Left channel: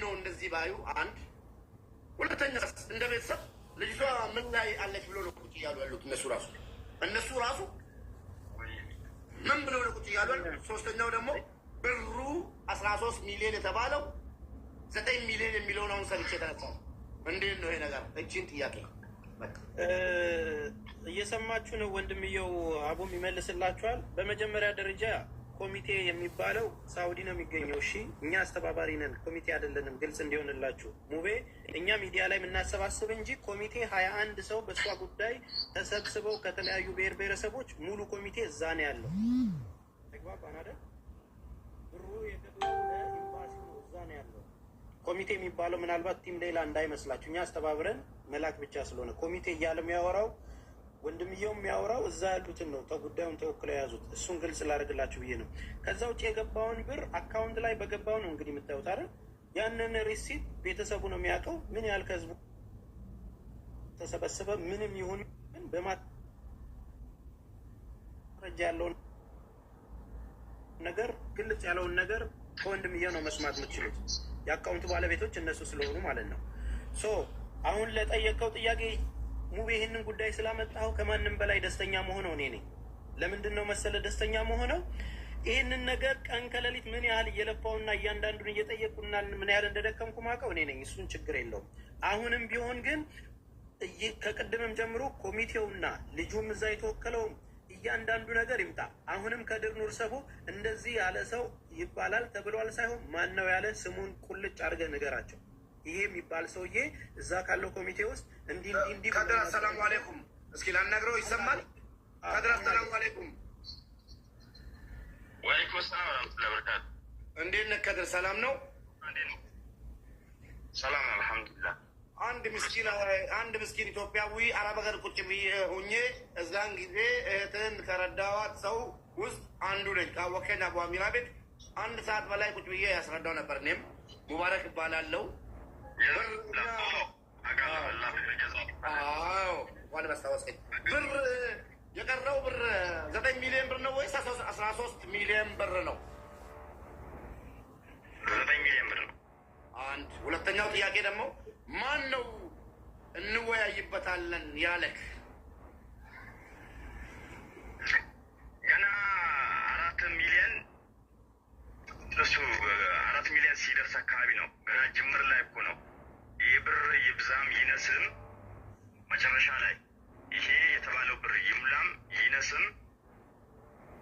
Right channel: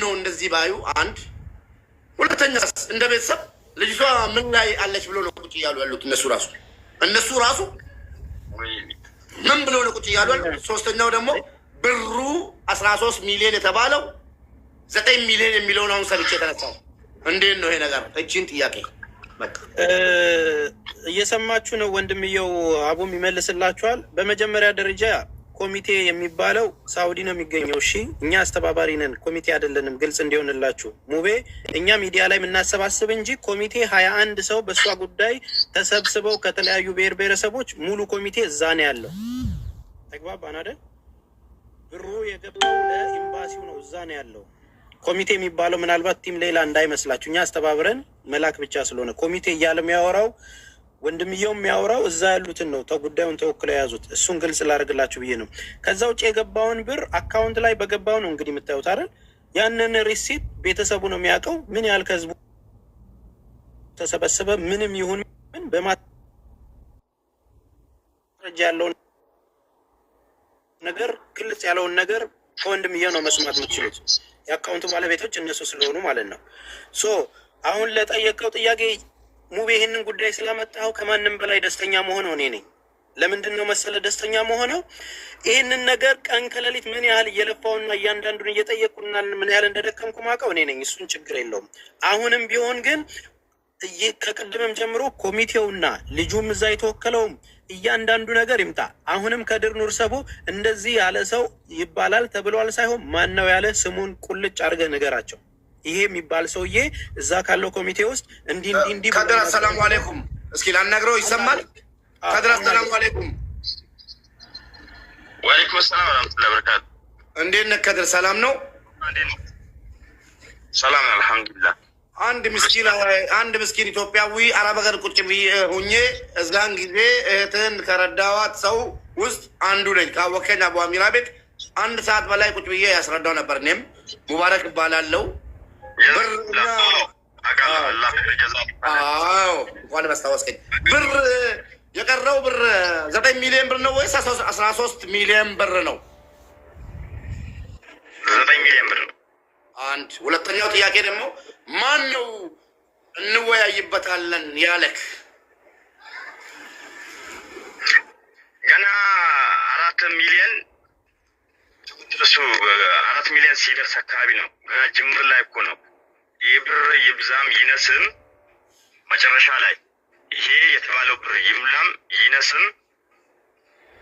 ነው እንደዚህ ባዩ? አንድ ሁለተኛ እንደ ቤተሰብ ልጅቷ ምን ላይ አለች ብሎ ነው ቁጭ እያሉ ያሉት እነሱ ራሱ ምን ብሎ ነው ቁጭ እያሉ ያሉት? ሶስተኛው ደግሞ ብሩ 13 ሚሊዮን የተባለው 9 ሚሊዮን የሚለውን አሁን ሰምቼ የተነሳው እንዴት ነው ይሄ ነገር? እቺን ጥያቄ እየሰማችሁ ነው ወንድምየው አቡም ይመልስላችኋል። በመጀመሪያ ደረጃ ኮሚቴ የሚባለው ሳውዲ ነው የሚገኘው። እሺ እኛ አስተባባሪ ነን፣ ኮሚቴ አይደለንም። ግልጽ እንዲሆንላችሁ ሙቤ፣ እኛ ሚዲያ ላይ የምናሰባስብ እንጂ ኮሚቴ 21 ሰው በእሷ ጉዳይ ተሰብስበው ከተለያዩ ብሔር ብሔረሰቦች ሙሉ ኮሚቴ እዛ ነው ያለው። ተግባባን አይደል? ብሩ የገባው ለኤምባሲው ነው፣ እዛ ነው ያለው። ኮሚቴ የሚባለው ምናልባት ቲም ሌላ እንዳይመስላችሁ፣ እኛ አስተባብረን መላክ ብቻ ስለሆነ ኮሚቴ እያለ የሚያወራው ወንድምየው የሚያወራው እዛ ያሉትን ነው ጉዳዩን ተወክለው የያዙት። እሱን ግልጽ ላደርግላችሁ ብዬ ነው። ከዛ ውጭ የገባውን ብር አካውንት ላይ በገባው ነው እንግዲህ የምታዩት አይደል? ያንን ሪሲፕት ቤተሰቡ ነው የሚያውቀው። ምን ያህል ከህዝቡ ተሰበሰበ ምንም ይሁን ምን በማስረጃ ያለውን ነገር ግልጽ ያለውን ነገር ከወንድምየው ነው መስማት የምትችሉት። የአካውንቱ ባለቤቶች እነሱ ስለሆኑ ማለት ነው። ሶ አሁን ለጠየቀው ጥያቄ ሙቤ ይህንን ጉዳይ ስላመጣው ከማንም በላይ ደስተኛ መሆነው እኔ ነኝ። ለምንድን ነው መሰለ ደስተኛ መሆነው? ይህንን ነገር ቀን ከሌሊት ምን ያህል እየለፋውና እያንዳንዱን እየጠየቁና ምን ያህል እንደደከምኩ ማውቀው እኔ ነኝ። እሱን ችግር የለውም። አሁንም ቢሆን ግን ከቅድምም ጀምሮ ኮሚቴውና ልጁም እዛ የተወከለውም እያንዳንዱ ነገር ይምጣ። አሁንም ከድር ኑር ሰቡ እንደዚህ ያለ ሰው ይባላል ተብሏል ሳይሆን ማን ነው ያለ ስሙን ቁልጭ አድርገህ ንገራቸው። ይሄ የሚባል ሰውዬ እዛ ካለው ኮሚቴ ውስጥ እንዲህ ከድር አሰላሙ አለይኩም። እስኪ ላናግረው። ይሰማል? ከድር አሰላሙ አለይኩም። ወአለይኩም ሰላም ወራህመቱላሂ ወበረካቱ። እንዴት ነህ ከድር? ሰላም ነው? ሰላም አልሐምዱሊላህ። አንድ ምስኪን ኢትዮጵያዊ አረብ ሀገር ቁጭ ብዬ ሁኜ እዛን ጊዜ እህትህን ከረዳዋት ሰው ውስጥ አንዱ ነኝ። ካወከኝ አቡ አሚራ ቤት 1 ሰዓት በላይ ቁጭ ብዬ ያስረዳው ነበር። እኔም ሙባረክ እባላለሁ። እንኳን ማስታወስከኝ። ብር የቀረው ብር 9 ሚሊዮን ብር ነው ወይስ 13 ሚሊዮን ብር ነው? 9 ሚሊዮን ብር ነው። አንድ ሁለተኛው ጥያቄ ደግሞ ማን ነው እንወያይበታለን ያለክ? ገና 4 ሚሊዮን እሱ 4 ሚሊዮን ሲደርስ አካባቢ ነው። ገና ጅምር ላይ እኮ ነው። ይህ ብር ይብዛም ይነስም መጨረሻ ላይ ይሄ የተባለው ብር ይብላም ይነስም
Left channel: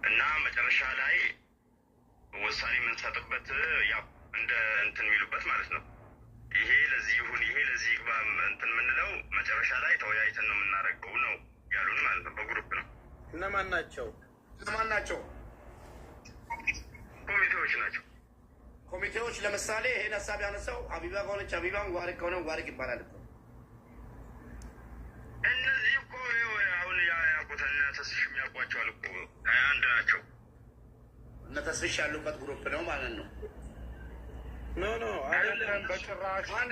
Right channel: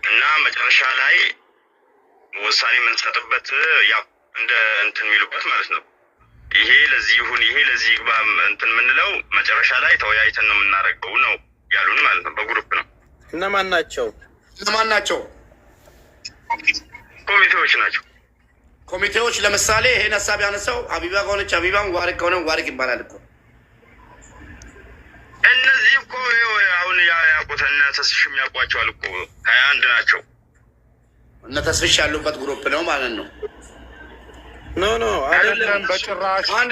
እና መጨረሻ ላይ ውሳኔ የምንሰጥበት ያው እንደ እንትን የሚሉበት ማለት ነው። ይሄ ለዚህ ይሁን ይሄ ለዚህ ይግባ እንትን የምንለው መጨረሻ ላይ ተወያይተን ነው የምናደርገው ነው ያሉን ማለት ነው። በግሩፕ ነው። እነማን ናቸው? ኮሚቴዎች ናቸው። ኮሚቴዎች ለምሳሌ ይሄን ሀሳብ ያነሳው ሀቢባ ከሆነች ሀቢባ፣ ሙባረክ ከሆነ ሙባረክ ይባላል እኮ። እነዚህ እኮ አሁን ያውቁት እነ ተስፍሽ የሚያውቋቸዋል እኮ 21 ናቸው። እነ ተስፍሽ ያሉበት ግሩፕ ነው ማለት ነው። ኖ አይደለም በጭራሽ። አንድ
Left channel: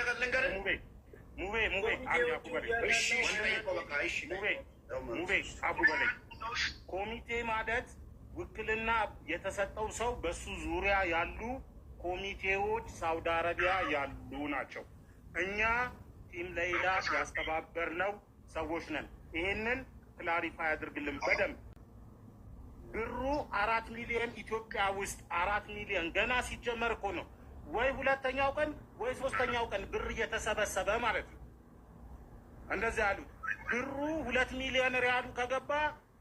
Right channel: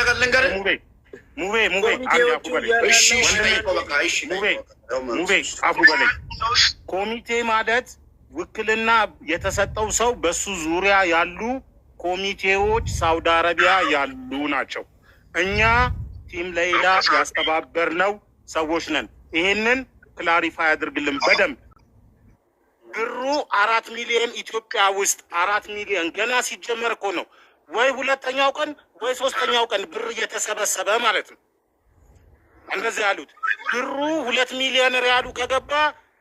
ነገር ልንገርህ ሙቤ አፉ በለኝ። ኮሚቴ ማለት ውክልና የተሰጠው ሰው በሱ ዙሪያ ያሉ ኮሚቴዎች ሳውዲ አረቢያ ያሉ ናቸው። እኛ ቲም ሌላ ያስተባበርነው ሰዎች ነን። ይሄንን ክላሪፋይ አድርግልን በደንብ። ብሩ 4 ሚሊዮን ኢትዮጵያ ውስጥ 4 ሚሊዮን ገና ሲጀመር እኮ ነው። ወይ 2ኛው ቀን ወይ 3ኛው ቀን ብር እየተሰበሰበ ማለት ነው። እንደዚህ ያሉት ብሩ 2 ሚሊዮን ሪያሉ ከገባ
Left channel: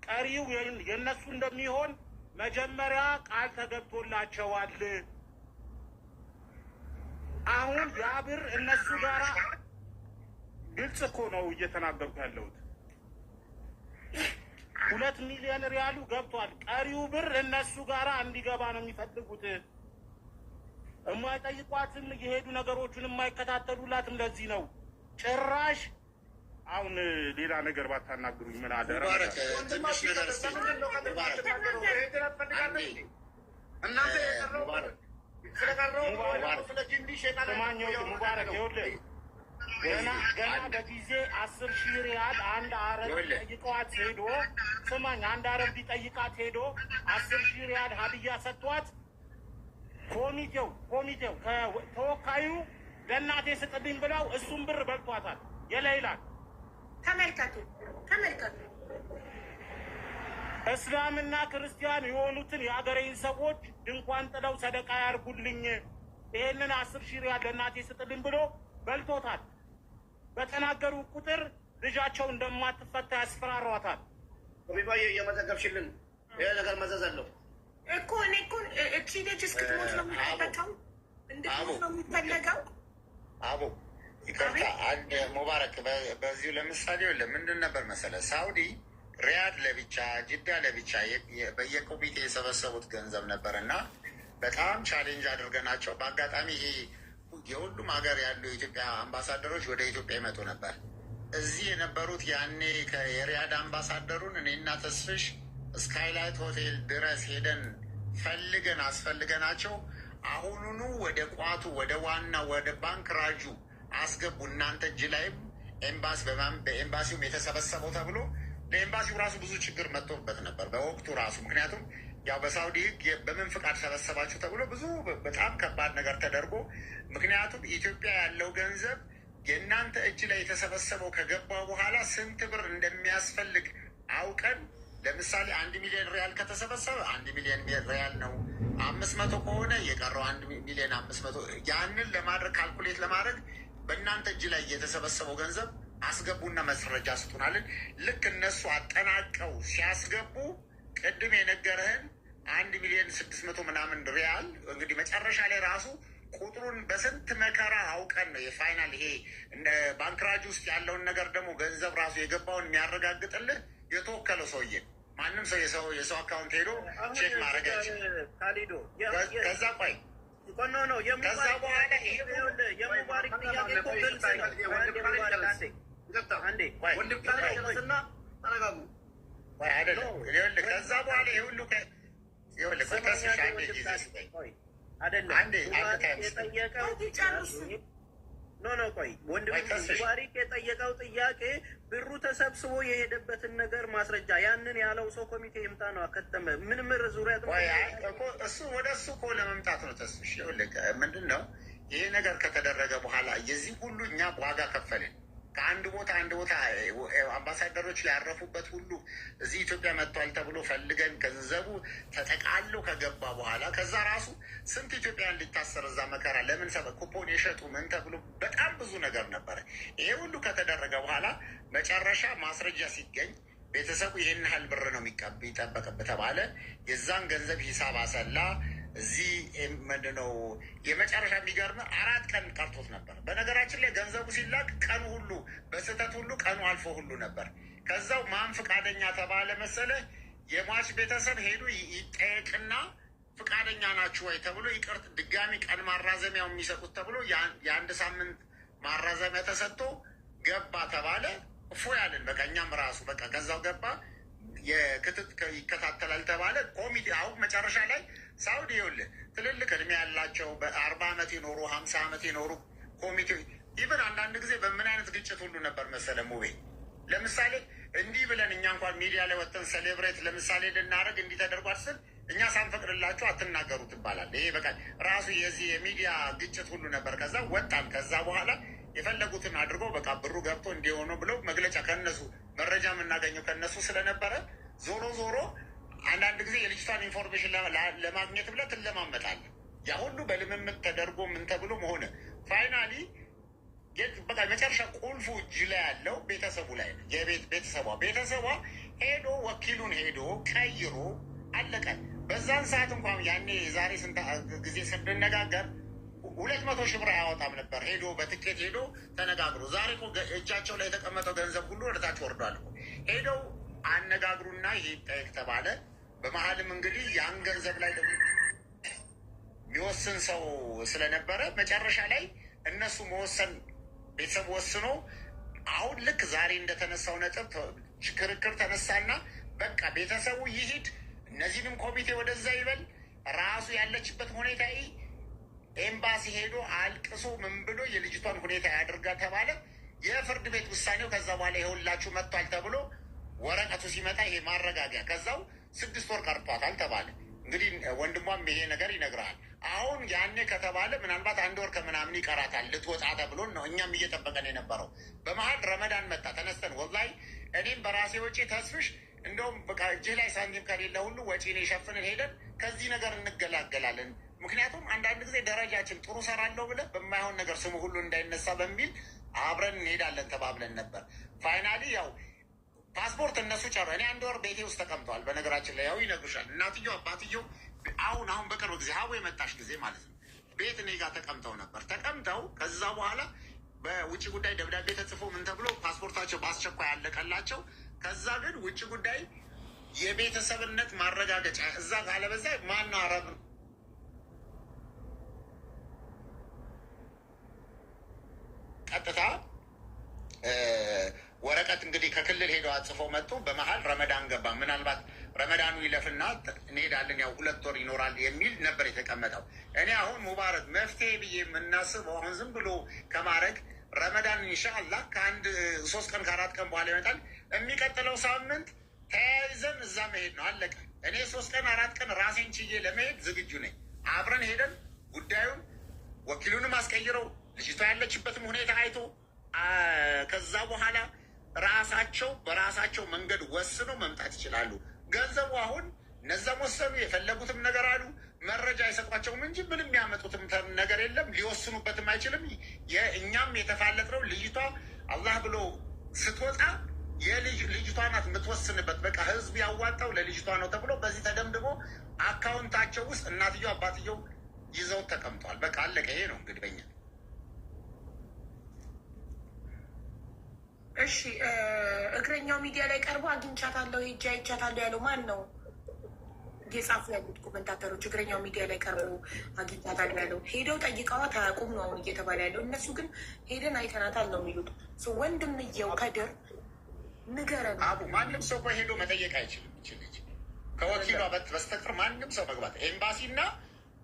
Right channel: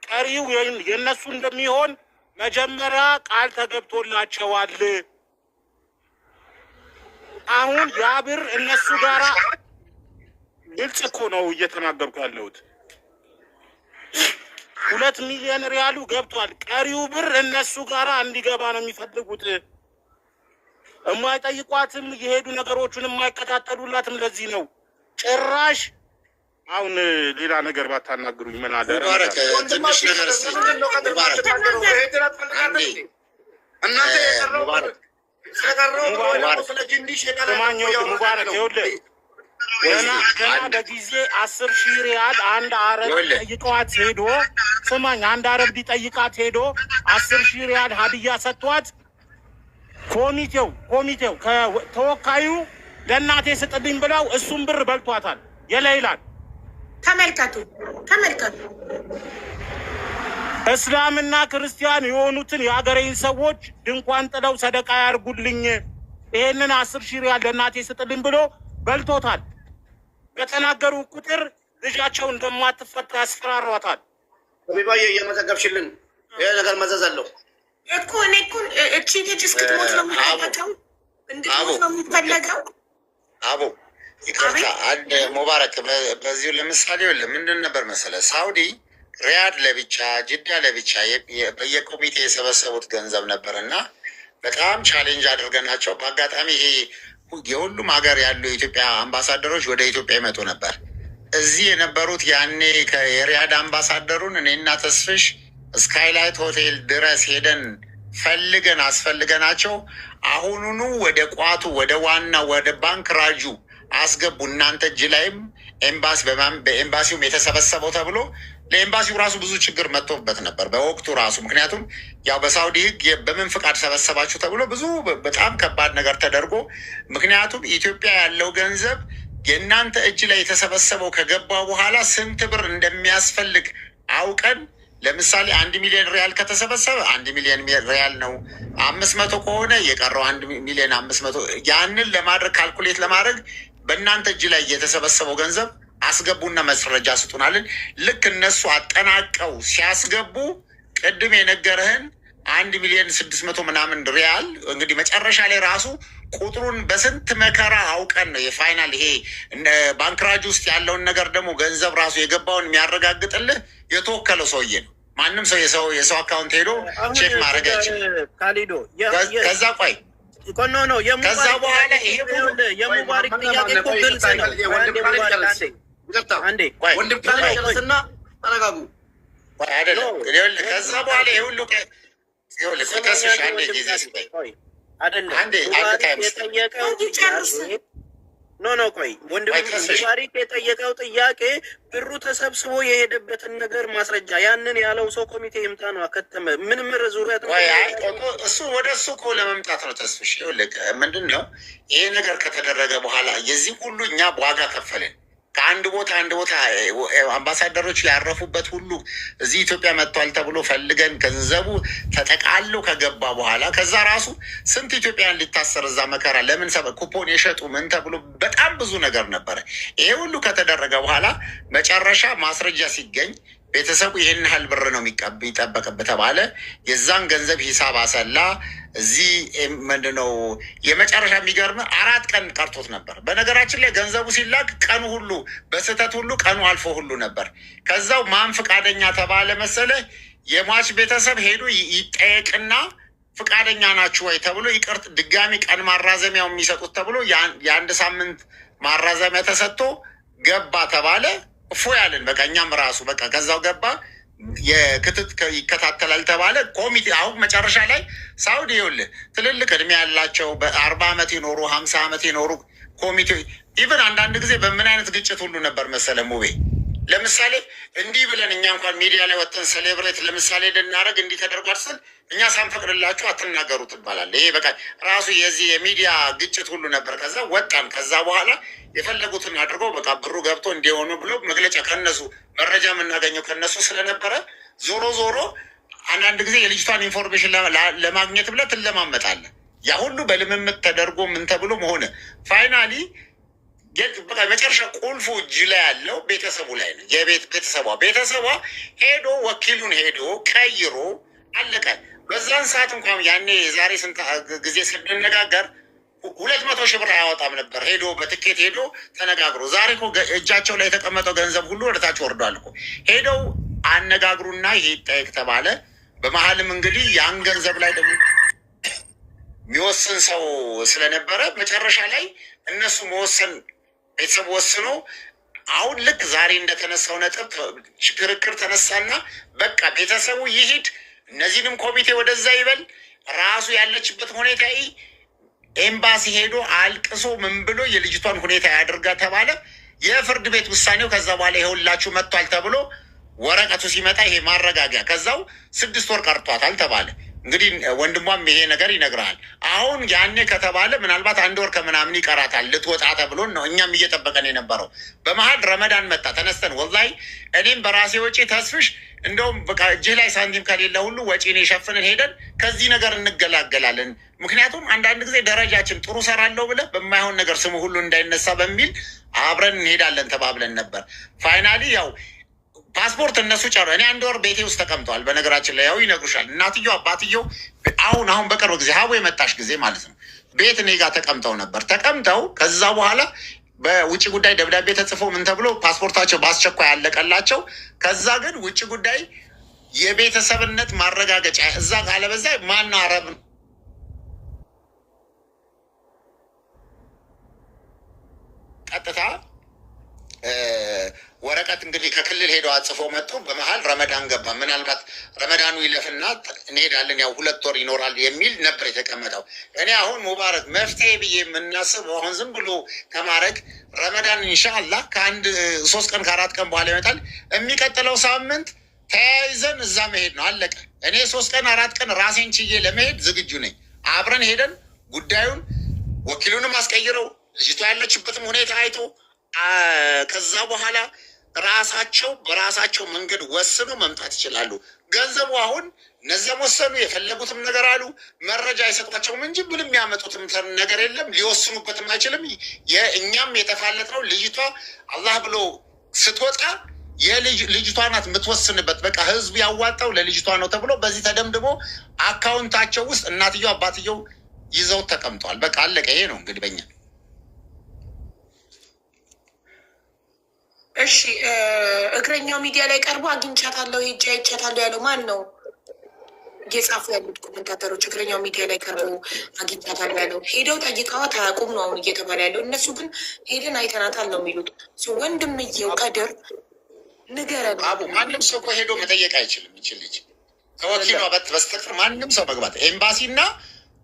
ቀሪው የነሱ እንደሚሆን መጀመሪያ ቃል ተገብቶላቸዋል። አሁን ያ ብር እነሱ ጋራ ግልጽ እኮ ነው እየተናገርኩ ያለሁት። 2 ሚሊዮን ሪያሉ ገብቷል። ቀሪው ብር እነሱ ጋራ እንዲገባ ነው የሚፈልጉት። የማይጠይቋትም የሄዱ ነገሮቹን የማይከታተሉላትም ለዚህ ነው። ጭራሽ አሁን ሌላ ነገር ባታናግሩኝ ምን አለ? ሙባረክ ይኸውልህ ገና በጊዜ 10,000 ሪያል አንድ አረብ ጠይቀዋት ሄዶ ስማኝ፣ አንድ አረብ ሊጠይቃት ሄዶ 10,000 ሪያል ሀዲያ ሰጥቷት ኮሚቴው ተወካዩ ለእናቴ ስጥልኝ ብለው እሱም ብር በልቷታል። የሌላን ተመልከቱ። እስላምና ክርስቲያን የሆኑትን የሀገሬን ሰዎች ድንኳን ጥለው ሰደቃ ያርጉልኝ፣ ይሄንን 10,000 ሪያል ለእናቴ ስጥልኝ ብሎ በልቶታል። በተናገሩ ቁጥር ልጃቸው እንደማትፈታ ያስፈራሯታል። ቢባዬ እየመዘገብሽልን ይሄ ነገር መዘዝ አለው እኮ። እኔ እኮ እቺ ልጅ እስክትሞት ነው የሚፈለገው፣ እንድትሞት ነው የሚፈለገው። አቦ ይቅርታ፣ አንድ ሙባረክ በዚሁ ለምሳሌ ምንድን ነበር መሰለህ፣ ሳውዲ ሪያድ ለብቻ ጅዳ ለብቻ በየኮሚቴ የሰበሰቡት ገንዘብ ነበር እና በጣም ቻሌንጅ አድርገናቸው በአጋጣሚ ይሄ የሁሉም ሀገር ያሉ የኢትዮጵያ አምባሳደሮች ወደ ኢትዮጵያ ይመጡ ነበር። እዚህ የነበሩት ያኔ የሪያድ አምባሳደሩን እኔና ተስፍሽ ስካይላይት ሆቴል ድረስ ሄደን ፈልገን አስፈልገናቸው አሁኑኑ ወደ ቋቱ ወደ ዋና ወደ ባንክ ራጁ አስገቡ፣ እናንተ እጅ ላይም ኤምባሲ በኤምባሲውም የተሰበሰበው ተብሎ ለኤምባሲው ራሱ ብዙ ችግር መጥቶበት ነበር በወቅቱ ራሱ። ምክንያቱም ያው በሳውዲ ሕግ በምን ፍቃድ ሰበሰባችሁ ተብሎ ብዙ በጣም ከባድ ነገር ተደርጎ፣ ምክንያቱም ኢትዮጵያ ያለው ገንዘብ የእናንተ እጅ ላይ የተሰበሰበው ከገባ በኋላ ስንት ብር እንደሚያስፈልግ አውቀን፣ ለምሳሌ 1 ሚሊዮን ሪያል ከተሰበሰበ 1 ሚሊዮን ሪያል ነው። 500 ከሆነ የቀረው 1 ሚሊዮን 500 ያንን ለማድረግ ካልኩሌት ለማድረግ በእናንተ እጅ ላይ የተሰበሰበው ገንዘብ አስገቡና መስረጃ ስጡናልን። ልክ እነሱ አጠናቀው ሲያስገቡ ቅድም የነገረህን 1 ሚሊዮን 600 ምናምን ሪያል እንግዲህ መጨረሻ ላይ ራሱ ቁጥሩን በስንት መከራ አውቀን ነው የፋይናል ይሄ ባንክራጅ ውስጥ ያለውን ነገር ደግሞ ገንዘብ ራሱ የገባውን የሚያረጋግጥልህ የተወከለው ሰውዬ ነው። ማንም ሰው የሰው አካውንት ሄዶ ቼክ ማድረግ አይችልም። ከዛ ቆይ ነው ከዛ በኋላ ይሄ የሙባሪክ ጥያቄ እኮ ግልጽ ነው። ወንድም ጨርስና ተረጋጉ። አይደለም ከዛ በኋላ ይሄ ሁሉ ከስሽ አንድ ጊዜ ስጠኝ ቆይ ወንድም ሙባሪክ የጠየቀው ጥያቄ ብሩ ተሰብስቦ የሄደበትን ነገር ማስረጃ ያንን ያለው ሰው ኮሚቴ ይምጣ ነው። አከተመ ምንም ዙሪያ እሱ ወደ እሱ እኮ ለመምጣት ነው። ተስፍሽ ምንድን ነው ይሄ ነገር ከተደረገ በኋላ የዚህ ሁሉ እኛ ዋጋ ከፈልን። ከአንድ ቦታ አምባሳደሮች ያረፉበት ሁሉ እዚህ ኢትዮጵያ መጥቷል ተብሎ ፈልገን ገንዘቡ ተጠቃሎ ከገባ በኋላ ከዛ ራሱ ስንት ኢትዮጵያን ሊታሰር እዛ መከራ ለምን ኩፖን የሸጡ ምን ተብሎ በጣም ብዙ ነገር ነበረ። ይሄ ሁሉ ከተደረገ በኋላ መጨረሻ ማስረጃ ሲገኝ ቤተሰቡ ይህን ያህል ብር ነው የሚጠበቅበት ተባለ። የዛን ገንዘብ ሂሳብ አሰላ። እዚህ ምንድነው የመጨረሻ የሚገርም 4 ቀን ቀርቶት ነበር። በነገራችን ላይ ገንዘቡ ሲላክ ቀኑ ሁሉ በስህተት ሁሉ ቀኑ አልፎ ሁሉ ነበር። ከዛው ማን ፍቃደኛ ተባለ መሰለ የሟች ቤተሰብ ሄዱ ይጠየቅና ፍቃደኛ ናችሁ ወይ ተብሎ ይቅርት ድጋሚ ቀን ማራዘሚያው የሚሰጡት ተብሎ የ1 ሳምንት ማራዘሚያ ተሰጥቶ ገባ ተባለ። እፎ ያለን በቃ እኛም ራሱ በቃ ከዛው ገባ። የክትት ይከታተላል ተባለ ኮሚቴ። አሁን መጨረሻ ላይ ሳውዲ ይኸውልህ ትልልቅ እድሜ ያላቸው በ40 ዓመት የኖሩ 50 ዓመት የኖሩ ኮሚቴ ኢቨን አንዳንድ ጊዜ በምን አይነት ግጭት ሁሉ ነበር መሰለ ሙቤ። ለምሳሌ እንዲህ ብለን እኛ እንኳን ሚዲያ ላይ ወጥተን ሴሌብሬት ለምሳሌ ልናደርግ እንዲህ ተደርጓል ስል እኛ ሳንፈቅድላችሁ አትናገሩ ትባላል። ይሄ በቃ ራሱ የዚህ የሚዲያ ግጭት ሁሉ ነበር። ከዛ ወጣን። ከዛ በኋላ የፈለጉትን አድርገው በቃ ብሩ ገብቶ እንዲሆኑ ብሎ መግለጫ ከነሱ መረጃ የምናገኘው ከነሱ ስለነበረ ዞሮ አንዳንድ ጊዜ የልጅቷን ኢንፎርሜሽን ለማግኘት ብለህ ትለማመጣለህ። ያ ሁሉ በልምምት ተደርጎ ምን ተብሎ መሆነ ፋይናሊ በቃ መጨረሻ ቁልፉ እጅ ላይ ያለው ቤተሰቡ ላይ ነው። ቤተሰቧ ሄዶ ወኪሉን ሄዶ ቀይሮ አለቀ። በዛን ሰዓት እንኳን ያኔ የዛሬ ስንት ጊዜ ስንነጋገር 200 ሺህ ብር አያወጣም ነበር። ሄዶ በትኬት ሄዶ ተነጋግሮ ዛሬ እኮ እጃቸው ላይ የተቀመጠው ገንዘብ ሁሉ ወደታች ወርዷል እኮ። ሄደው አነጋግሩና ይሄ ይጠየቅ ተባለ። በመሀልም እንግዲህ ያን ገንዘብ ላይ ደግሞ የሚወስን ሰው ስለነበረ መጨረሻ ላይ እነሱ መወሰን ቤተሰብ ወስኖ አሁን ልክ ዛሬ እንደተነሳው ነጥብ ክርክር ተነሳና በቃ ቤተሰቡ ይሂድ፣ እነዚህንም ኮሚቴ ወደዛ ይበል፣ ራሱ ያለችበት ሁኔታ ኤምባሲ ሄዶ አልቅሶ ምን ብሎ የልጅቷን ሁኔታ ያድርጋ ተባለ። የፍርድ ቤት ውሳኔው ከዛ በኋላ ይኸውላችሁ መጥቷል ተብሎ ወረቀቱ ሲመጣ ይሄ ማረጋጊያ ከዛው 6 ወር ቀርቷታል ተባለ። እንግዲህ ወንድሟም ይሄ ነገር ይነግራል። አሁን ያኔ ከተባለ ምናልባት 1 ወር ከምናምን ይቀራታል ልትወጣ ተብሎን ነው እኛም እየጠበቀን የነበረው። በመሀል ረመዳን መጣ። ተነስተን ወላሂ እኔም በራሴ ወጪ ተስፍሽ እንደውም በቃ እጅህ ላይ ሳንቲም ከሌለ ሁሉ ወጪን የሸፍንን ሄደን ከዚህ ነገር እንገላገላለን። ምክንያቱም አንዳንድ ጊዜ ደረጃችን ጥሩ ሰራለሁ ብለህ በማይሆን ነገር ስሙ ሁሉ እንዳይነሳ በሚል አብረን እንሄዳለን ተባብለን ነበር። ፋይናሊ ያው ፓስፖርት እነሱ ጨሩ። እኔ 1 ወር ቤቴ ውስጥ ተቀምጠዋል። በነገራችን ላይ ያው ይነግሩሻል። እናትየው አባትየው አሁን በቅርብ ጊዜ ሀቡ የመጣሽ ጊዜ ማለት ነው ቤት እኔ ጋር ተቀምጠው ነበር። ተቀምጠው ከዛ በኋላ በውጭ ጉዳይ ደብዳቤ ተጽፎ ምን ተብሎ ፓስፖርታቸው በአስቸኳይ ያለቀላቸው። ከዛ ግን ውጭ ጉዳይ የቤተሰብነት ማረጋገጫ እዛ ካለበዛ ማነው አረብ ቀጥታ ወረቀት እንግዲህ ከክልል ሄደው አጽፎ መጡ። በመሀል ረመዳን ገባ። ምናልባት ረመዳኑ ይለፍና እንሄዳለን ያው 2 ወር ይኖራል የሚል ነበር የተቀመጠው። እኔ አሁን ሙባረክ መፍትሄ ብዬ የምናስበው አሁን ዝም ብሎ ከማድረግ ረመዳን ኢንሻአላህ ከ1 3 ቀን ከ4 ቀን በኋላ ይመጣል። የሚቀጥለው ሳምንት ተያይዘን እዛ መሄድ ነው አለቀ። እኔ 3 ቀን 4 ቀን ራሴን ችዬ ለመሄድ ዝግጁ ነኝ። አብረን ሄደን ጉዳዩን ወኪሉንም አስቀይረው ልጅቷ ያለችበትም ሁኔታ አይቶ ከዛ በኋላ ራሳቸው በራሳቸው መንገድ ወስኑ መምጣት ይችላሉ። ገንዘቡ አሁን እነዚያም ወሰኑ የፈለጉትም ነገር አሉ። መረጃ አይሰጧቸውም እንጂ ምንም ያመጡትም ነገር የለም። ሊወስኑበትም አይችልም። እኛም የተፋለጥነው ልጅቷ አላህ ብሎ ስትወጣ ልጅቷ ናት የምትወስንበት። በቃ ህዝብ ያዋጣው ለልጅቷ ነው ተብሎ በዚህ ተደምድሞ አካውንታቸው ውስጥ እናትየው አባትየው ይዘው ተቀምጠዋል። በቃ አለቀ። ይሄ ነው እንግዲህ በኛ። እሺ እግረኛው ሚዲያ ላይ ቀርቦ አግኝቻታለሁ ሄጄ አይቻታለሁ ያለው ማን ነው? እየጻፉ ያሉት ኮመንታተሮች እግረኛው ሚዲያ ላይ ቀርቦ አግኝቻታለሁ ያለው ሄደው ጠይቀዋት አያውቁም ነው አሁን እየተባለ ያለው። እነሱ ግን ሄደን አይተናታል ነው የሚሉት። ወንድምየው ከድር ንገረን። ማንም ሰው እኮ ሄዶ መጠየቅ አይችልም። ይችል ልጅ ከወኪሉ በስተቀር ማንም ሰው መግባት ኤምባሲና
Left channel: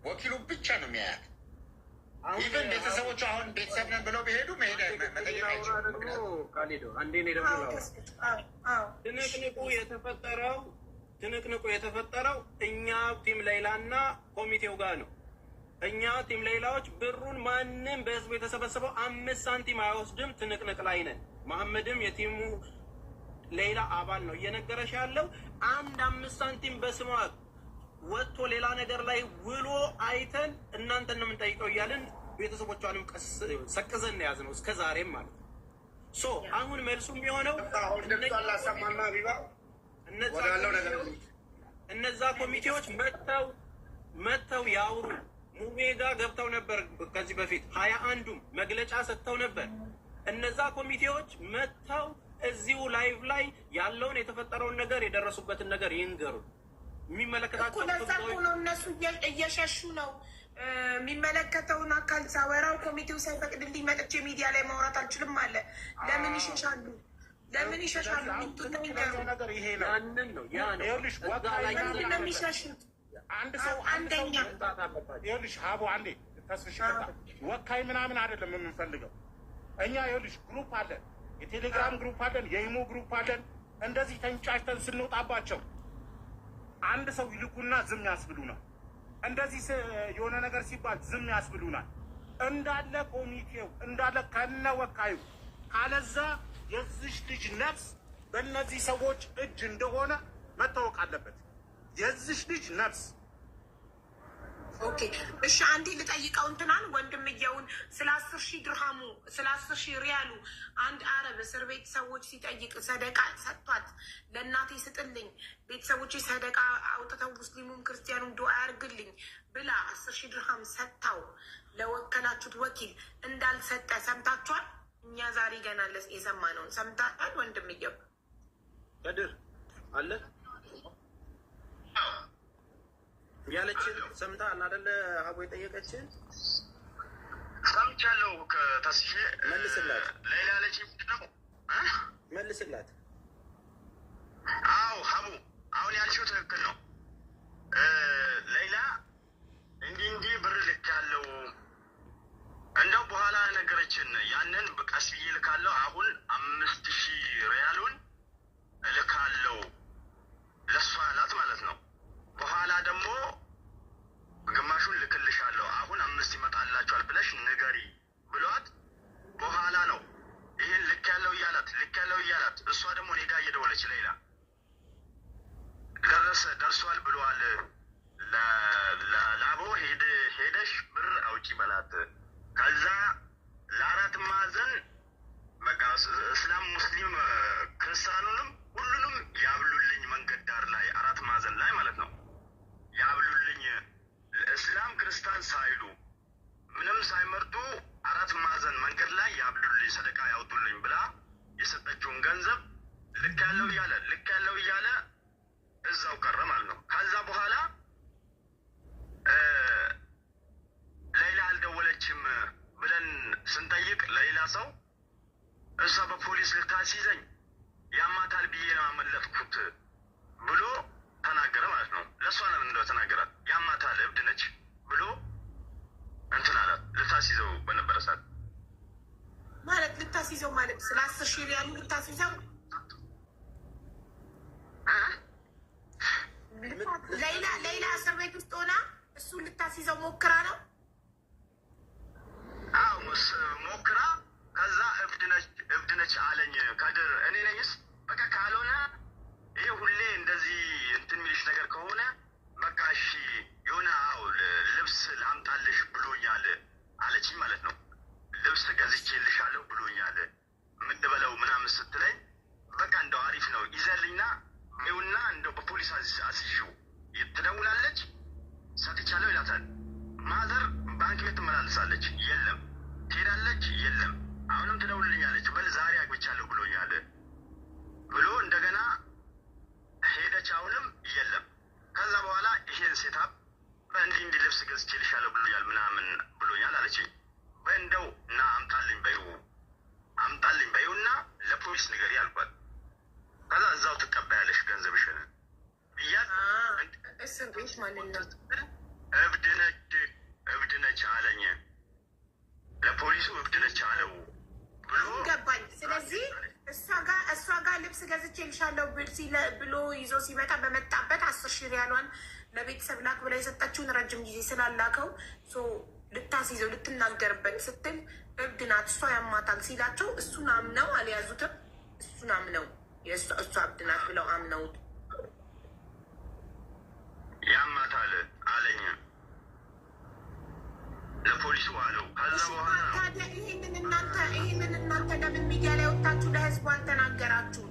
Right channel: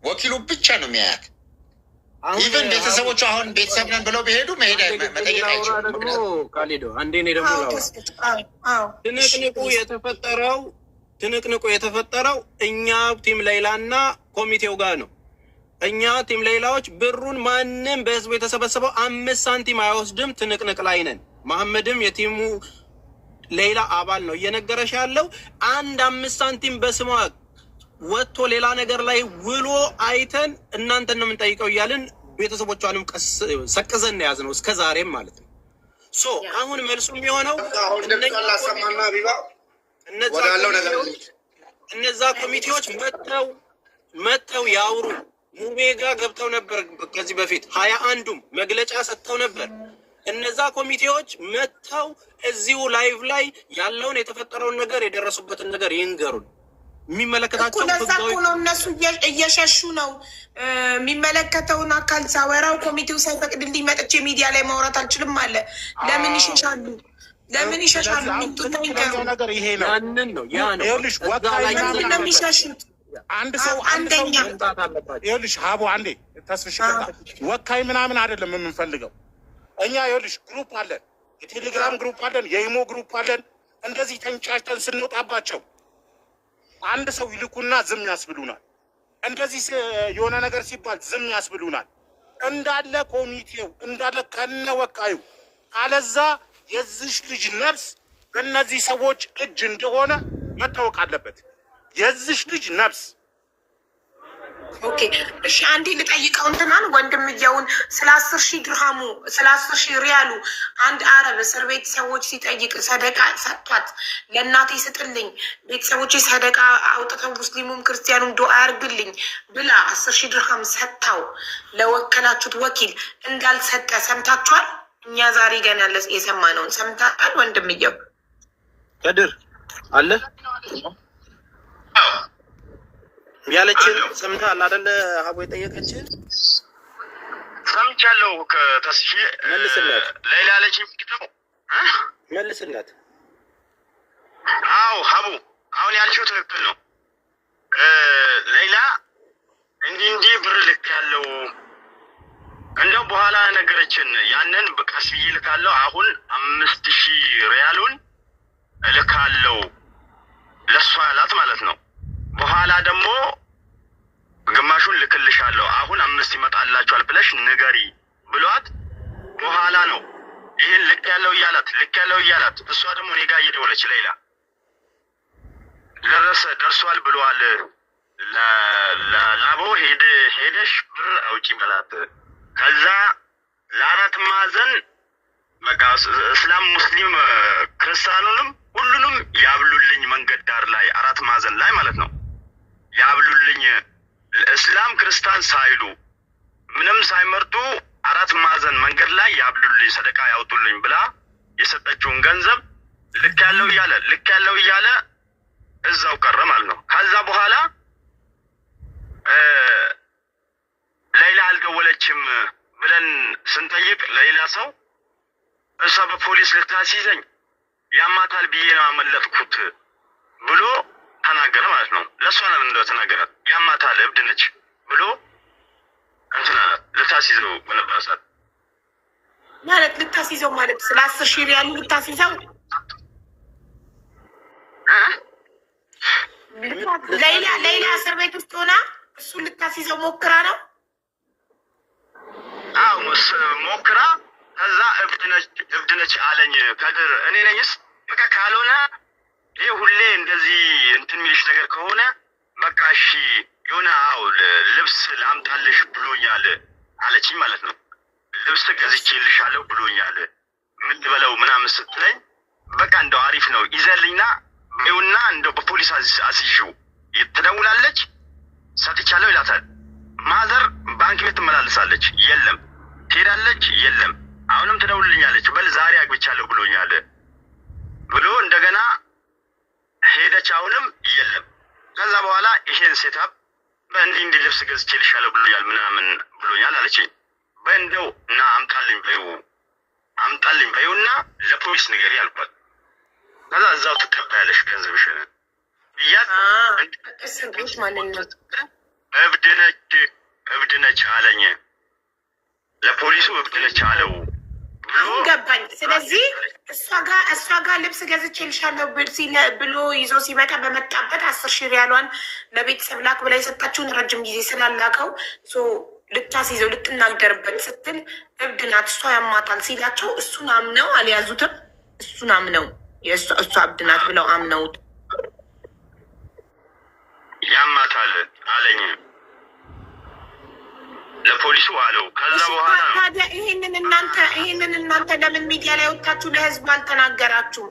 ወኪሉ ብቻ ነው የሚያያት። ኢቨን ቤተሰቦቹ አሁን ቤተሰብ ነን ብለው ቢሄዱ መጠየቅ አይችሉም። ካሊዶ አንዴ እኔ ደግሞ ትንቅንቁ የተፈጠረው እኛ ቲም ሌይላና ኮሚቴው ጋር ነው። እኛ ቲም ሌይላዎች ብሩን ማንም በህዝቡ የተሰበሰበው 5 ሳንቲም አይወስድም። ትንቅንቅ ላይ ነን። መሐመድም የቲሙ ሌይላ አባል ነው። እየነገረሽ ያለው 5 ሳንቲም በስሟ ወጥቶ ሌላ ነገር ላይ ውሎ አይተን እናንተን ነው የምንጠይቀው እያልን ቤተሰቦቿንም ሰቅዘን ነው ያዝነው እስከ ዛሬም ማለት ነው። አሁን መልሱ የሚሆነው እነዛ ኮሚቴዎች መጥተው ያውሩ። ሙቤ ጋር ገብተው ነበር ከዚህ በፊት 21ዱም መግለጫ ሰጥተው ነበር። እነዛ ኮሚቴዎች መጥተው እዚሁ ላይቭ ላይ ያለውን የተፈጠረውን ነገር የደረሱበትን ነገር ይንገሩን። የሚመለከታቸው ለዛ እኮ ነው እነሱ እየሸሹ ነው። የሚመለከተውን አካል ሳወራው ኮሚቴው ሳይፈቅድልኝ መጥቼ ሚዲያ ላይ ማውራት አልችልም አለ። ለምን ይሸሻሉ? ለምን ይሸሻሉ? ነገር ይሄ ነው። ያንን ነው ያ ነው የሚሸሹት። አንድ ሰው ይኸውልሽ ሀቡ አንዴ ተስፍሽ ወካይ ምናምን አይደለም የምንፈልገው እኛ። ይኸውልሽ ግሩፕ አለን፣ የቴሌግራም ግሩፕ አለን፣ የኢሞ ግሩፕ አለን። እንደዚህ ተንጫጭተን ስንወጣባቸው አንድ ሰው ይልኩና ዝም ያስብሉናል። እንደዚህ የሆነ ነገር ሲባል ዝም ያስብሉናል። እንዳለ ኮሚቴው እንዳለ ከነ ወካዩ ካለዛ የዚሽ ልጅ ነፍስ በእነዚህ ሰዎች እጅ እንደሆነ መታወቅ አለበት። የዚሽ ልጅ ነፍስ ኦኬ እሺ፣ አንዴ ልጠይቀው እንትናን ወንድምየውን ስለ 10,000 ድርሃሙ ስለ 10,000 ሪያሉ አንድ አረብ እስር ቤት ሰዎች ሲጠይቅ ሰደቃ ሰጥቷት ለእናቴ ስጥልኝ ቤተሰቦች ሰደቃ አውጥተው ሙስሊሙም ክርስቲያኑም ዱዓ ያርግልኝ ብላ 10,000 ድርሃም ሰጥታው ለወከላችሁት ወኪል እንዳልሰጠ ሰምታችኋል? እኛ ዛሬ ገና የሰማነውን ሰምታል? ወንድምየው ከድር አለ ያለችን ሰምተሃል አይደለ? ሀቡ የጠየቀችን ሰምቻለሁ። ከተስፊ መልስላት። ሌላ ያለችኝ መልስላት። አዎ ሀቡ አሁን ያልሽው ትክክል ነው። ሌላ እንዲህ ብር ልክ ያለው እንደው በኋላ ነገረችን። ያንን ቀስ ብዬ ልካለው። አሁን 5,000 ሪያሉን እልካለው ለሷ ያላት ማለት ነው። በኋላ ደግሞ 15 ይመጣላችኋል ብለሽ ንገሪ ብሏት በኋላ ነው ይህን ልክ ያለው እያላት እሷ ደግሞ እኔ ጋር እየደወለች ሌላ ደርሷል ብሏል ለላቦ ሄደሽ ብር አውጪ በላት። ከዛ ለአራት ማዕዘን በቃ እስላም ሙስሊም ክርስቲያኑንም ሁሉንም ያብሉልኝ መንገድ ዳር ላይ አራት ማዕዘን ላይ ማለት ነው ያብሉልኝ እስላም ክርስቲያን ሳይሉ ምንም ሳይመርጡ አራት ማዕዘን መንገድ ላይ ያብሉልኝ ሰደቃ ያውጡልኝ ብላ የሰጠችውን ገንዘብ ልክ ያለው እያለ እዛው ቀረ ማለት ነው። ከዛ በኋላ ሌላ አልደወለችም ብለን ስንጠይቅ ለሌላ ሰው እሷ በፖሊስ ልታስይዘኝ ያማታል ብዬ ነው አመለጥኩት ብሎ ተናገረ ማለት ነው። ለእሷ ነው እንደው ተናገረ ያማታል እብድ ነች ብሎ እንትና ልታስይዘው በነበረ ሰዓት ማለት ልታስይዘው ማለት ስለ 10 ሺህ ሪያል ልታስይዘው ሌላ እስር ቤት ውስጥ ሆና እሱ ልታስይዘው ሞክራ ነው። አዎ ሞክራ ከዛ እብድ ነች አለኝ ከድር። እኔ ነኝስ በቃ ካልሆነ ይሄ ሁሌ እንደዚህ እንትን የሚልሽ ነገር ከሆነ በቃ እሺ የሆነ ልብስ ላምጣልሽ ብሎኛል አለችኝ ማለት ነው። ልብስ ገዝቼልሻለሁ ብሎኛል የምትበለው ምናምን ስትለኝ በቃ እንደው አሪፍ ነው ይዘልኝና ይኸውና እንደው በፖሊስ አስይዥው ትደውላለች ሰጥቻለሁ ይላታል። ማዘር ባንክ ቤት ትመላለሳለች የለም፣ ትሄዳለች የለም፣ አሁንም ትደውልልኛለች በል ዛሬ አግብቻለሁ ብሎኛል ብሎ እንደገና ሄደች አሁንም የለም። ከዛ በኋላ ይሄን ሴታፕ በእንዲህ ልብስ ገዝቼልሻለሁ ብሎኛል ምናምን ብሎኛል አለችኝ። በእንደው እና አምጣልኝ በይውና ለፖሊስ ንገሪ አልኳት። ከዛ እዛው ትቀበያለሽ ገንዘብሽን እያት እብድ ነች አለኝ። ለፖሊሱ እብድ ነች አለው ገባኝ። ስለዚህ እሷ ጋር ልብስ ገዝቼልሻለሁ ብሎ ይዞ ሲመጣ በመጣበት 10 ሺህ ሪያሏን ለቤተሰብ ላክ ብላ የሰጣችውን ረጅም ጊዜ ስላላከው ልታስይዘው ልትናገርበት ስትል እብድ ናት እሷ ያማታል ሲላቸው እሱን አምነው አልያዙትም። እሱን አምነው እሷ እብድ ናት ብለው አምነውት ያማታል አለኝ ለፖሊሱ አለው። ከዛ በኋላ ታዲያ ይሄንን እናንተ ለምን ሚዲያ ላይ ወጣችሁ ለህዝቡ አልተናገራችሁም?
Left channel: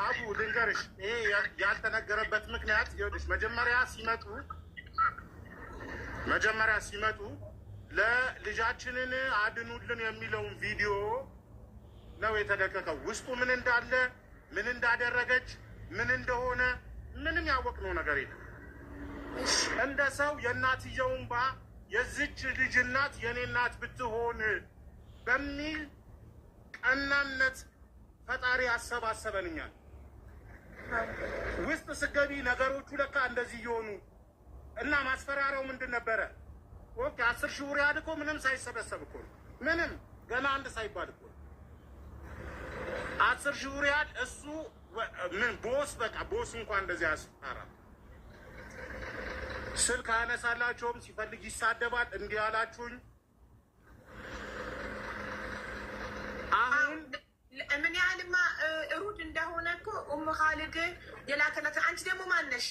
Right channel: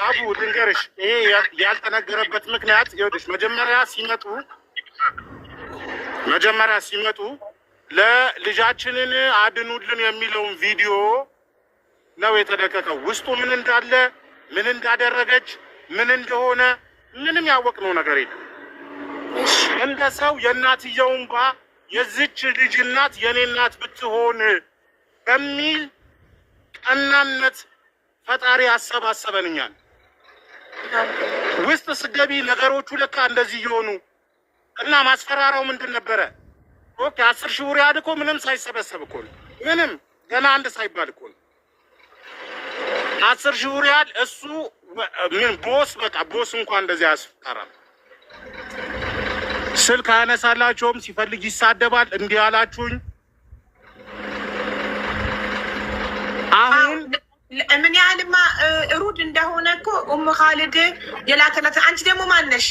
አቡ ልንገርሽ፣ ይሄ ያልተነገረበት ምክንያት ይኸውልሽ፣ መጀመሪያ ሲመጡ ለልጃችንን አድኑልን የሚለውን ቪዲዮ ነው የተለቀቀው። ውስጡ ምን እንዳለ ምን እንዳደረገች ምን እንደሆነ ምንም ያወቅነው ነገር የለም። እንደ ሰው የእናትየው እንባ የዚች ልጅ እናት የኔ እናት ብትሆን በሚል ቀናነት ፈጣሪ አሰባሰበንኛል። ውስጥ ስገቢ ነገሮቹ ለካ እንደዚህ እየሆኑ እና ማስፈራራው ምንድን ነበረ? ኦኬ 10 ሺህ ሪያል እኮ ምንም ሳይሰበሰብ እኮ ነው። ምንም ገና አንድ ሳይባል እኮ ነው 10 ሺህ ሪያል። እሱ ምን ቦስ እንኳን እንደዚህ ያስፈራራል። ስልክ አያነሳላቸውም፣ ሲፈልግ ይሳደባል። እንዲህ አላችሁኝ። አሁን ምን ያህልማ ሩድ እንደሆነ እኮ ኻሊድ የላከላት። አንቺ ደግሞ ማነሽ?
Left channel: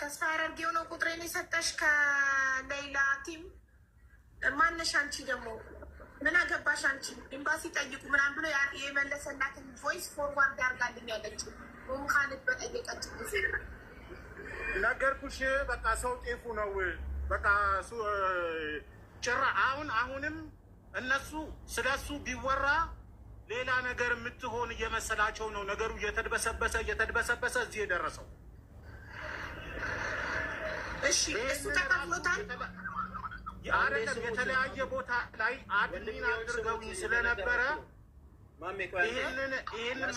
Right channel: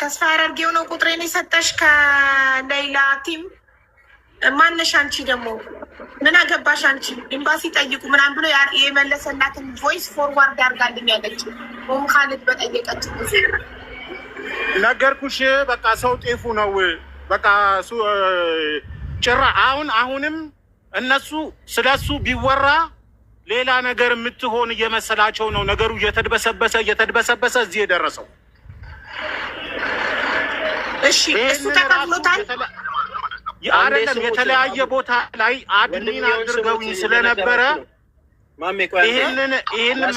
ተስፋ ያደርጌው ነው ቁጥሬን የሰጠሽ ከሌላ ቲም ማነሽ? አንቺ ደግሞ ምን አገባሽ አንቺ? ኤምባሲ ጠይቁ ምናምን ብሎ የመለሰላትን ቮይስ ፎርዋርድ አድርጋልኝ ያለች ኻሊድ በጠየቀች ጊዜ ነገርኩሽ። በቃ ሰው ጤፉ ነው። በቃ ጭራ አሁንም እነሱ ስለሱ ቢወራ ሌላ ነገር የምትሆን እየመሰላቸው ነው። ነገሩ እየተድበሰበሰ እዚህ የደረሰው። እሺ እሱ ተከፍሎታል አይደለም? የተለያየ ቦታ ላይ አድሚን አድርገውኝ ስለነበረ ይህንን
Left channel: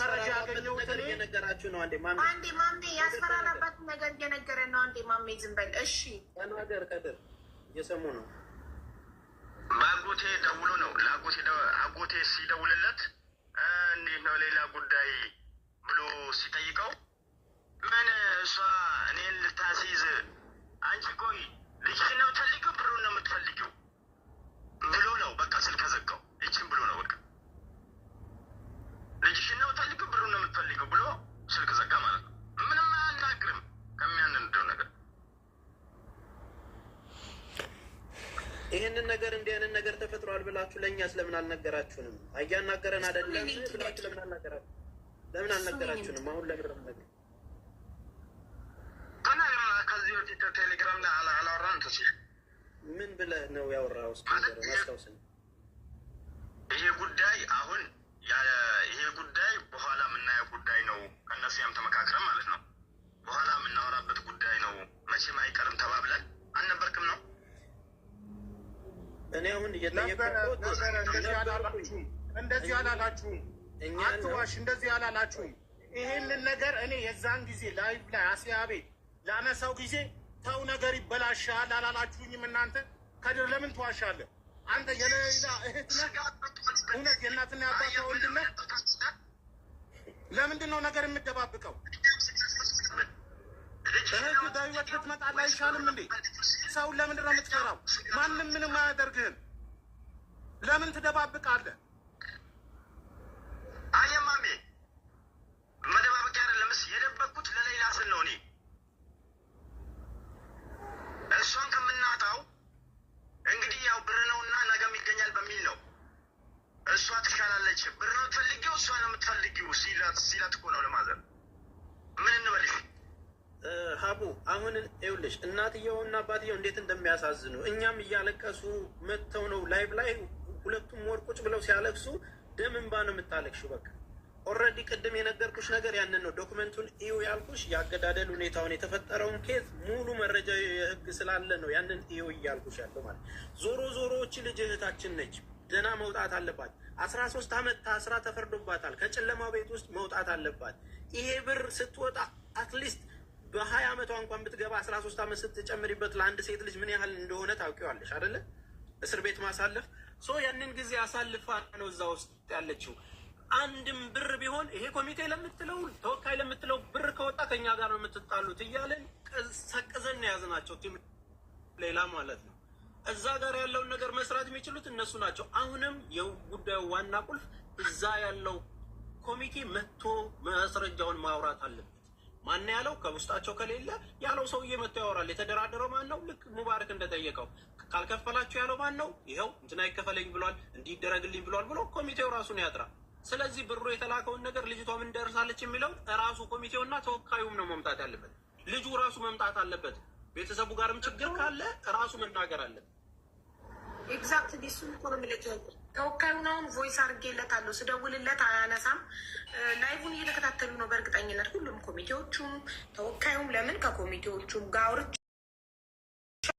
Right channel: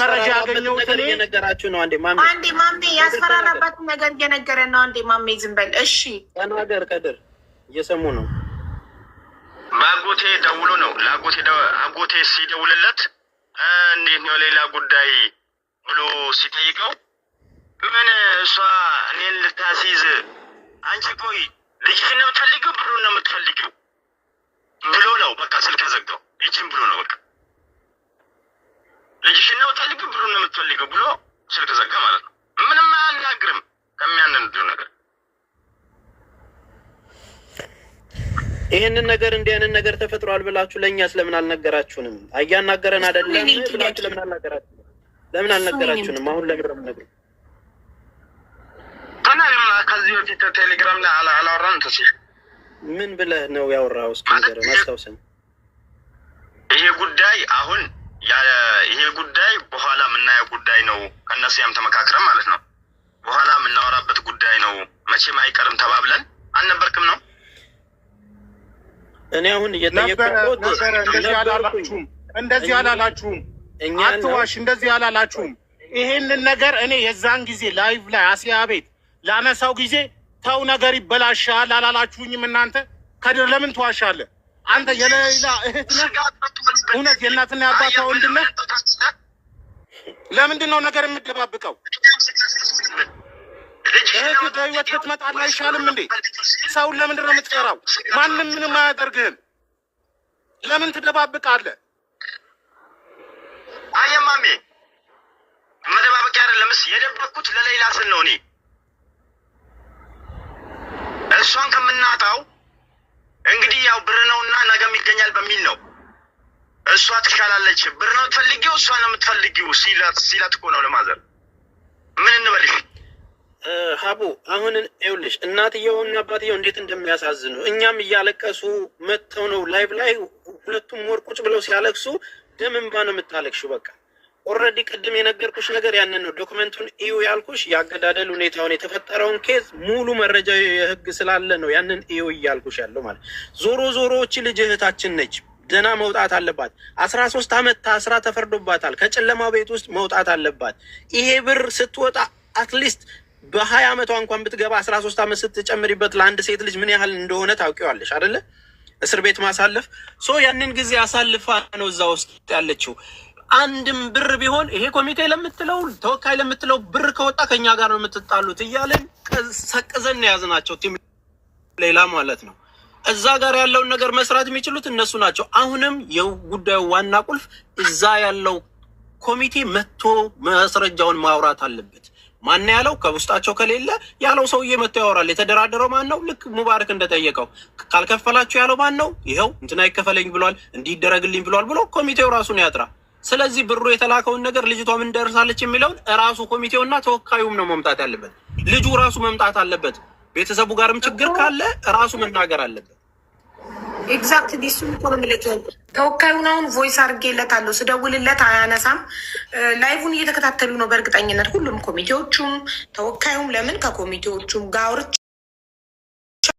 መረጃ ያገኘሁት እኔ ነገራችሁ ነው። አንዴ ማሜ ያስፈራራባትን ነገር እየነገረ ነው። አንዴ ማሜ ዝም በል እሺ። ተናገር ከድር፣ እየሰሙ ነው። በአጎቴ ደውሎ ነው አጎቴ ሲደውልለት እንዴት ነው ሌላ ጉዳይ ብሎ ሲጠይቀው ምን እሷ እኔን ልታስይዝ አንቺ ቆይ ልጅሽን ነው የምትፈልጊው ብሎ ነው የምትፈልጊው ብሎ ነው በቃ ስልክ ዘጋው። ይችን ብሎ ነው በቃ ልጅሽን ነው የምትፈልጊው ብሎ ነው የምትፈልጊው ብሎ ስልክ ዘጋ ማለት ነው። ምንም አያናግርም ከሚያንንዱ ነገር። ይህንን ነገር እንዲህ አይነት ነገር ተፈጥሯል ብላችሁ ለእኛ ስለምን አልነገራችሁንም? እያናገረን አይደለም ብላችሁ ለምን አልነገራችሁንም? አሁን ለምረም ነገር ተናግረና ከዚህ በፊት ቴሌግራም ላይ አላወራን ተሲ ምን ብለህ ነው ያወራው? እስኪ ነገር አስታውሰን። ይሄ ጉዳይ አሁን ይሄ ጉዳይ በኋላ የምናየው ጉዳይ ነው። ከእነሱ ያም ተመካክረን ማለት ነው። በኋላ የምናወራበት ጉዳይ ነው። መቼም አይቀርም ተባብለን አልነበርክም ነው። እኔ አሁን እየጠየቅኩት እንደዚህ አላላችሁም። አትዋሽ፣ እንደዚህ አላላችሁም። ይሄንን ነገር እኔ የዛን ጊዜ ላይቭ ላይ አሲያ ቤት ላነሳው ጊዜ ተው ነገር ይበላሻል አላላችሁኝም እናንተ? ከድር ለምን ትዋሻለህ? አንተ የሌላ እህት ነህ? እውነት የእናትና የአባቷ ወንድም ነህ? ለምንድን ነው ነገር የምትደባብቀው? እህት በህይወት ብትመጣልህ አይሻልም እንዴ? ሰውን ለምንድን ነው የምትፈራው? ማንም ምንም አያደርግህም። ለምን ትደባብቃለህ? አየማሜ መደባበቅ አይደለምስ የደበቅኩት ለሌላ ስል ነው። እኔ እሷን ከምናጣው እንግዲህ ያው ብር ነውና ነገም ይገኛል በሚል ነው። እሷ ትሻላለች፣ ብር ነው ትፈልጊው፣ እሷ ነው የምትፈልጊው ሲላት እኮ ነው ለማዘር። ምን እንበልሽ ሀቡ? አሁን ይኸውልሽ እናትየውና አባትየው እንዴት እንደሚያሳዝኑ እኛም እያለቀሱ መጥተው ነው ላይቭ ላይ ሁለቱም ወርቁጭ ብለው ሲያለቅሱ ደም እንባ ነው የምታለቅሹ። በቃ ኦልሬዲ ቅድም የነገርኩሽ ነገር ያንን ነው። ዶክመንቱን እዩ ያልኩሽ የአገዳደል ሁኔታውን የተፈጠረውን ኬዝ ሙሉ መረጃ የህግ ስላለ ነው ያንን እዩ እያልኩሽ ያለው ማለት። ዞሮ ዞሮዎች ልጅ እህታችን ነች፣ ደህና መውጣት አለባት። 13 ዓመት ታስራ ተፈርዶባታል። ከጨለማ ቤት ውስጥ መውጣት አለባት። ይሄ ብር ስትወጣ አትሊስት በ20 ዓመቷ እንኳን ብትገባ 13 ዓመት ስትጨምሪበት ለአንድ ሴት ልጅ ምን ያህል እንደሆነ ታውቂዋለሽ አይደለ? እስር ቤት ማሳለፍ ያንን ጊዜ አሳልፋ ነው እዛ ውስጥ ያለችው። አንድም ብር ቢሆን ይሄ ኮሚቴ ለምትለው ተወካይ ለምትለው ብር ከወጣ ከኛ ጋር ነው የምትጣሉት እያለን ሰቅዘን የያዝናቸው ቲም ሌላ ማለት ነው። እዛ ጋር ያለውን ነገር መስራት የሚችሉት እነሱ ናቸው። አሁንም የጉዳዩ ዋና ቁልፍ እዛ ያለው ኮሚቴ መጥቶ ማስረጃውን ማውራት አለበት። ማን ያለው? ከውስጣቸው ከሌለ ያለው ሰውዬ መጥቶ ያወራል። የተደራደረው ማን ነው? ልክ ሙባረክ እንደጠየቀው ካልከፈላችሁ ያለው ማን ነው? ይኸው እንትና ይከፈለኝ ብሏል፣ እንዲደረግልኝ ብሏል ብሎ ኮሚቴው ራሱን ያጥራ። ስለዚህ ብሩ የተላከውን ነገር ልጅቷ ምን ደርሳለች የሚለውን እራሱ ኮሚቴውና ተወካዩም ነው መምጣት ያለበት። ልጁ ራሱ መምጣት አለበት። ቤተሰቡ ጋርም ችግር ካለ ራሱ መናገር አለበት። ኤግዛክትሊ እሱ ተወካዩን አሁን ቮይስ አድርጌለታለሁ። ስደውልለት አያነሳም። ላይቭን እየተከታተሉ ነው በእርግጠኝነት ሁሉም ኮሚቴዎቹም ተወካዩም። ለምን ከኮሚቴዎቹም ጋር